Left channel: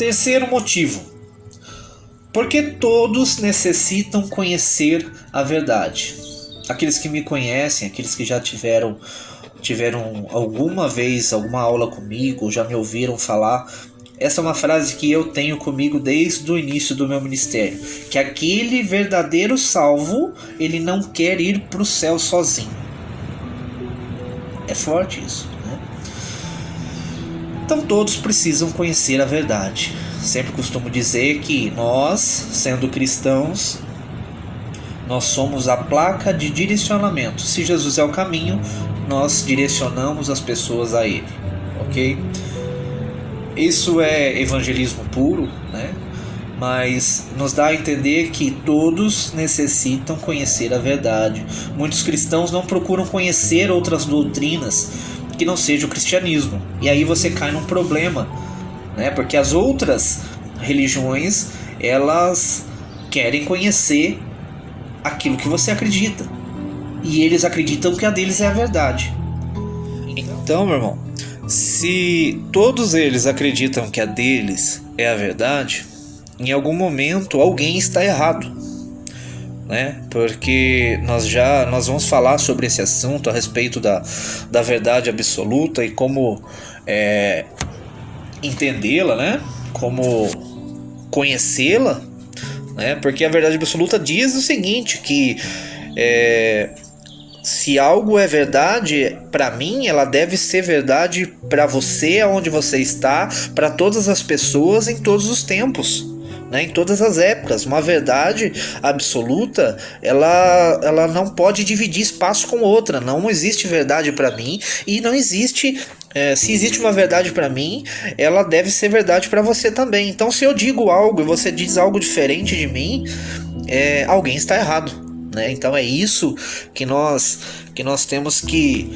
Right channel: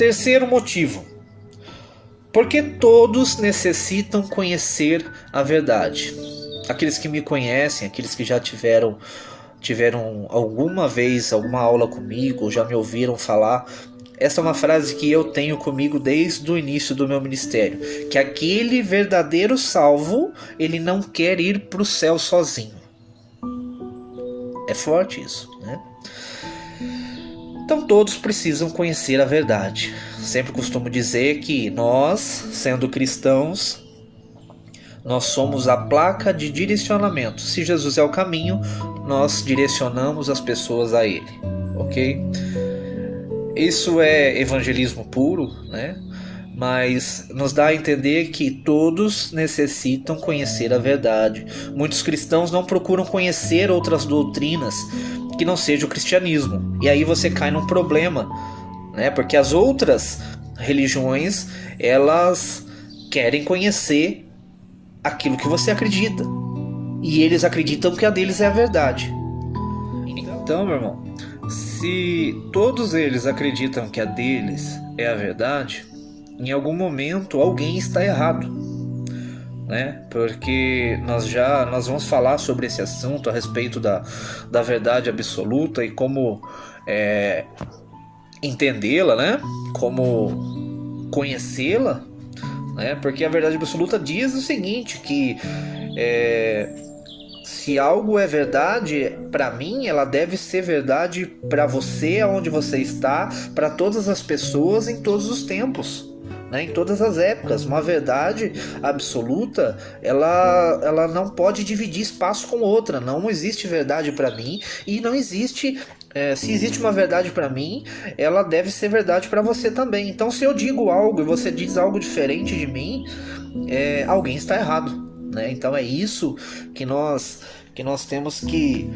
Terceiro motivo: porque todos necessitam conhecer a verdade. Aqueles que me conhecem, aqueles que já tiveram alguma vez alguma aula comigo, já me ouviram falar. Essa é uma frase que eu tenho comigo desde o início do meu ministério, que aquele verdadeiro salvo, ele não quer ir para o céu sozinho. É forte isso, né? Então todos precisam conhecer a verdade. Sempre costumo dizer que nós, sendo cristãos, nós somos a placa de direcionamento. Se Jesus é o caminho, nós direcionamos as pessoas a Ele, ok? Isso é evangelismo puro, né? Mas nos dá a entender que todos necessitam conhecer a verdade. Muitos cristãos não procuram conhecer outras doutrinas que não seja o cristianismo. E aí você cai num problema, né? Porque as outras religiões, elas querem conhecer aquilo que você acredita. E eles acreditam que a deles é a verdade. Então, meu irmão, se todos eles acreditam que a deles é a verdade, em algum momento alguém está errado, né? Porque nós vamos falar sobre esse assunto a respeito da verdade absoluta e como entendê-la, né? Como conhecê-la, né? Porque a verdade absoluta diz o seguinte, que se algo é verdade para mim, ela deve ser verdade para você, aonde você está, para todas as pessoas, em todos os tempos, né? Em todas as épocas. Uma verdade absoluta, ela não pode dividir espaço com outra. Não existe verdade para mim e não existe. Se existe uma verdade para mim, ela deve ser verdade para você também. Então, se eu digo algo e você diz algo diferente de mim, alguém está errado, né? Então é isso que nós temos que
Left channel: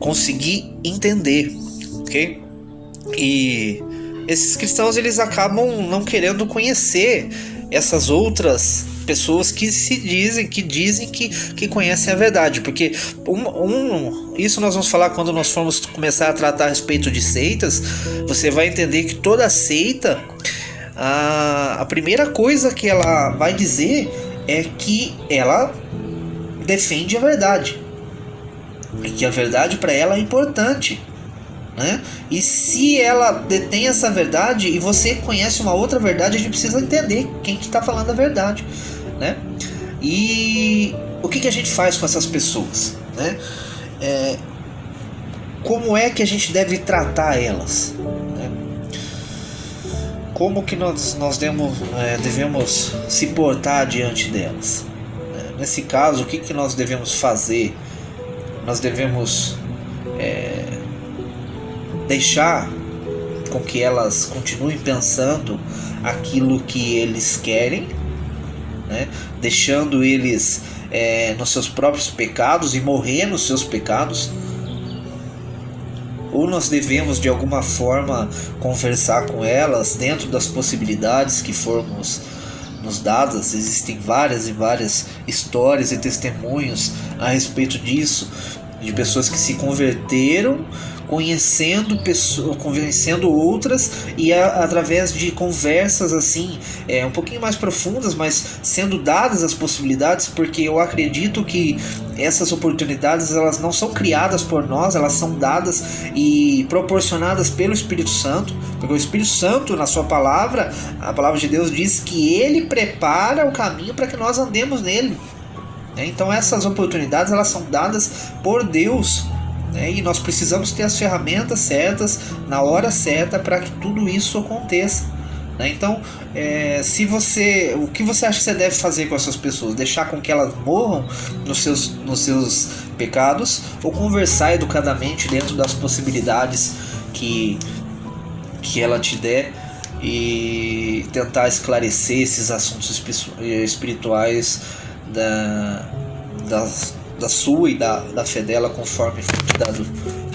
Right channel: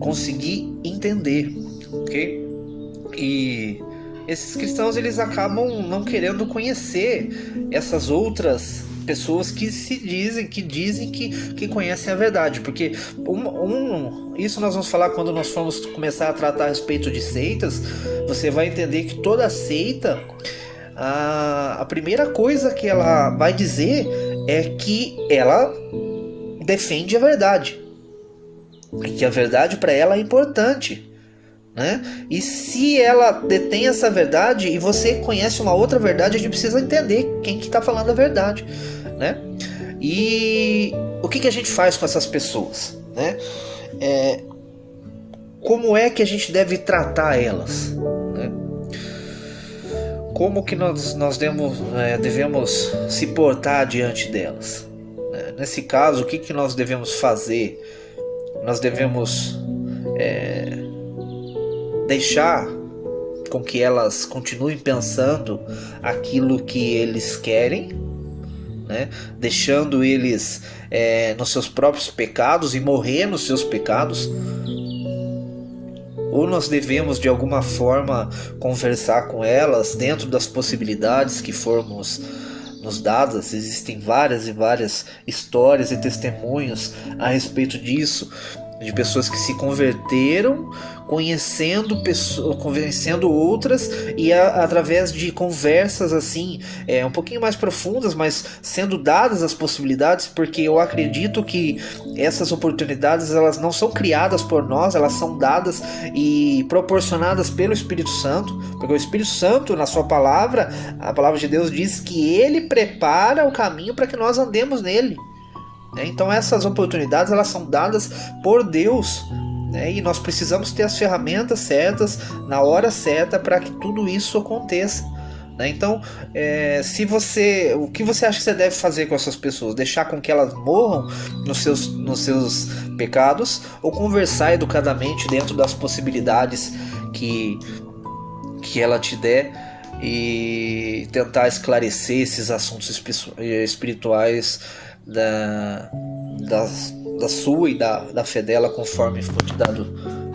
conseguir entender, ok? E esses cristãos, eles acabam não querendo conhecer essas outras pessoas que dizem que conhecem a verdade, porque isso nós vamos falar quando nós formos começar a tratar a respeito de seitas. Você vai entender que toda seita, a primeira coisa que ela vai dizer é que ela defende a verdade, e que a verdade para ela é importante, né? E se ela detém essa verdade e você conhece uma outra verdade, a gente precisa entender quem que está falando a verdade, né? E o que a gente faz com essas pessoas, né? Como é que a gente deve tratar elas, né? Como que nós devemos se portar diante delas? Nesse caso, o que nós devemos fazer? Nós devemos deixar com que elas continuem pensando aquilo que eles querem, né? Deixando eles nos seus próprios pecados e morrer nos seus pecados? Ou nós devemos de alguma forma conversar com elas dentro das possibilidades que formos nos dadas? Existem várias e várias histórias e testemunhos a respeito disso, de pessoas que se converteram convencendo outras, e através de conversas assim um pouquinho mais profundas, mas sendo dadas as possibilidades, porque eu acredito que essas oportunidades, elas não são criadas por nós, elas são dadas e proporcionadas pelo Espírito Santo, porque o Espírito Santo, na sua palavra, a palavra de Deus diz que ele prepara o caminho para que nós andemos nele. Então essas oportunidades, elas são dadas por Deus, né? E nós precisamos ter as ferramentas certas na hora certa para que tudo isso aconteça, né? Então, o que você acha que você deve fazer com essas pessoas? Deixar com que elas morram nos seus pecados, ou conversar educadamente dentro das possibilidades que ela te der e tentar esclarecer esses assuntos espirituais da sua e da fé dela, conforme for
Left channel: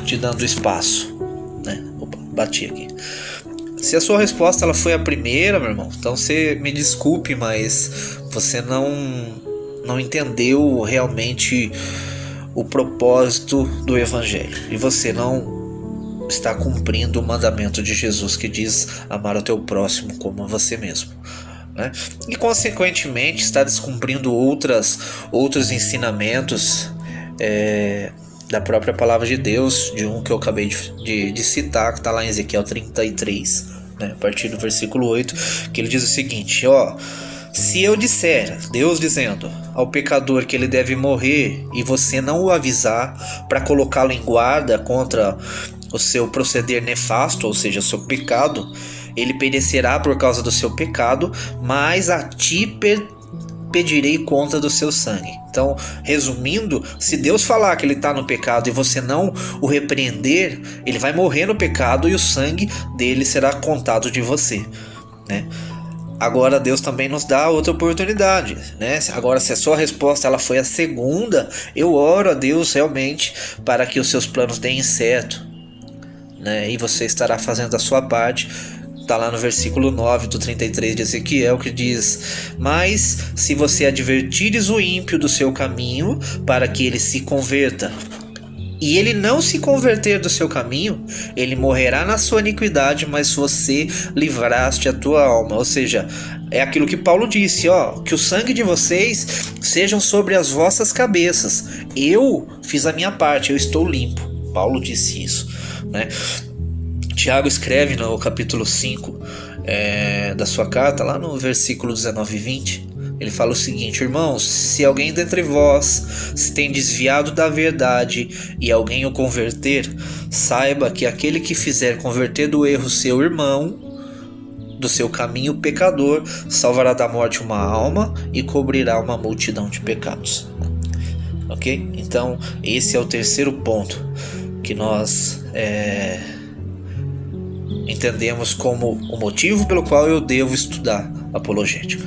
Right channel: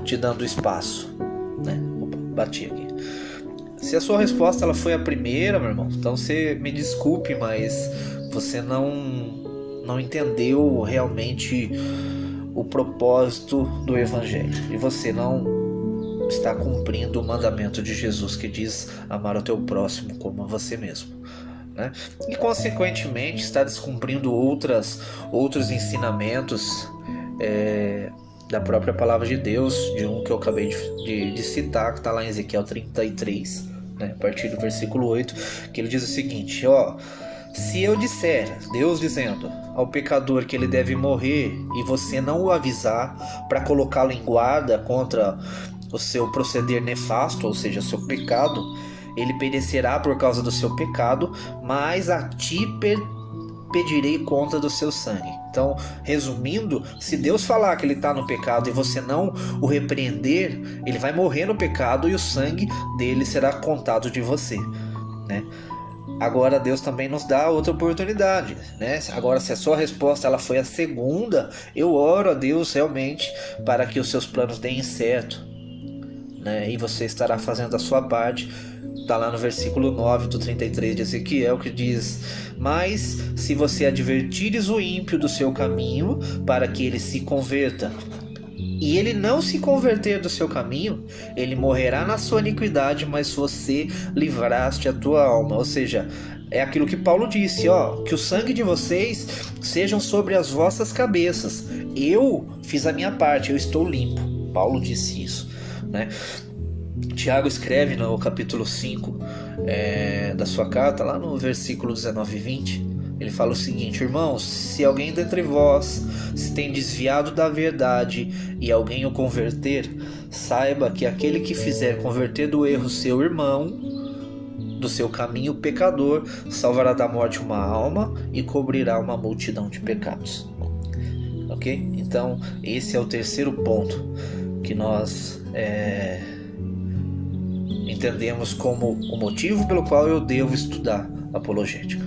te dando espaço, né? Opa, bati aqui. Se a sua resposta ela foi a primeira, meu irmão, então você me desculpe, mas você não entendeu realmente o propósito do evangelho, e você não está cumprindo o mandamento de Jesus que diz amar o teu próximo como a você mesmo, né? E consequentemente está descumprindo outros ensinamentos da própria palavra de Deus, de um que eu acabei de citar, que está lá em Ezequiel 33, né? A partir do versículo 8, que ele diz o seguinte: se eu disser, Deus dizendo, ao pecador que ele deve morrer e você não o avisar para colocá-lo em guarda contra o seu proceder nefasto, ou seja, o seu pecado, ele perecerá por causa do seu pecado, mas a ti pedirei conta do seu sangue. Então, resumindo, se Deus falar que ele está no pecado e você não o repreender, ele vai morrer no pecado e o sangue dele será contado de você, né? Agora Deus também nos dá outra oportunidade, né? Agora, se a sua resposta ela foi a segunda, eu oro a Deus realmente para que os seus planos deem certo, né? E você estará fazendo a sua parte. Está lá no versículo 9 do 33 de Ezequiel, que diz: mas se você advertires o ímpio do seu caminho para que ele se converta, e ele não se converter do seu caminho, ele morrerá na sua iniquidade, mas você livraste a tua alma. Ou seja, é aquilo que Paulo disse, que o sangue de vocês sejam sobre as vossas cabeças. Eu fiz a minha parte, eu estou limpo. Paulo disse isso, né? Tiago escreve no capítulo 5 da sua carta, lá no versículo 19 e 20, ele fala o seguinte: irmãos, se alguém dentre vós se tem desviado da verdade e alguém o converter, saiba que aquele que fizer converter do erro seu irmão, do seu caminho pecador, salvará da morte uma alma e cobrirá uma multidão de pecados. Ok? Então, esse é o terceiro ponto que nós entendemos como o motivo pelo qual eu devo estudar apologética.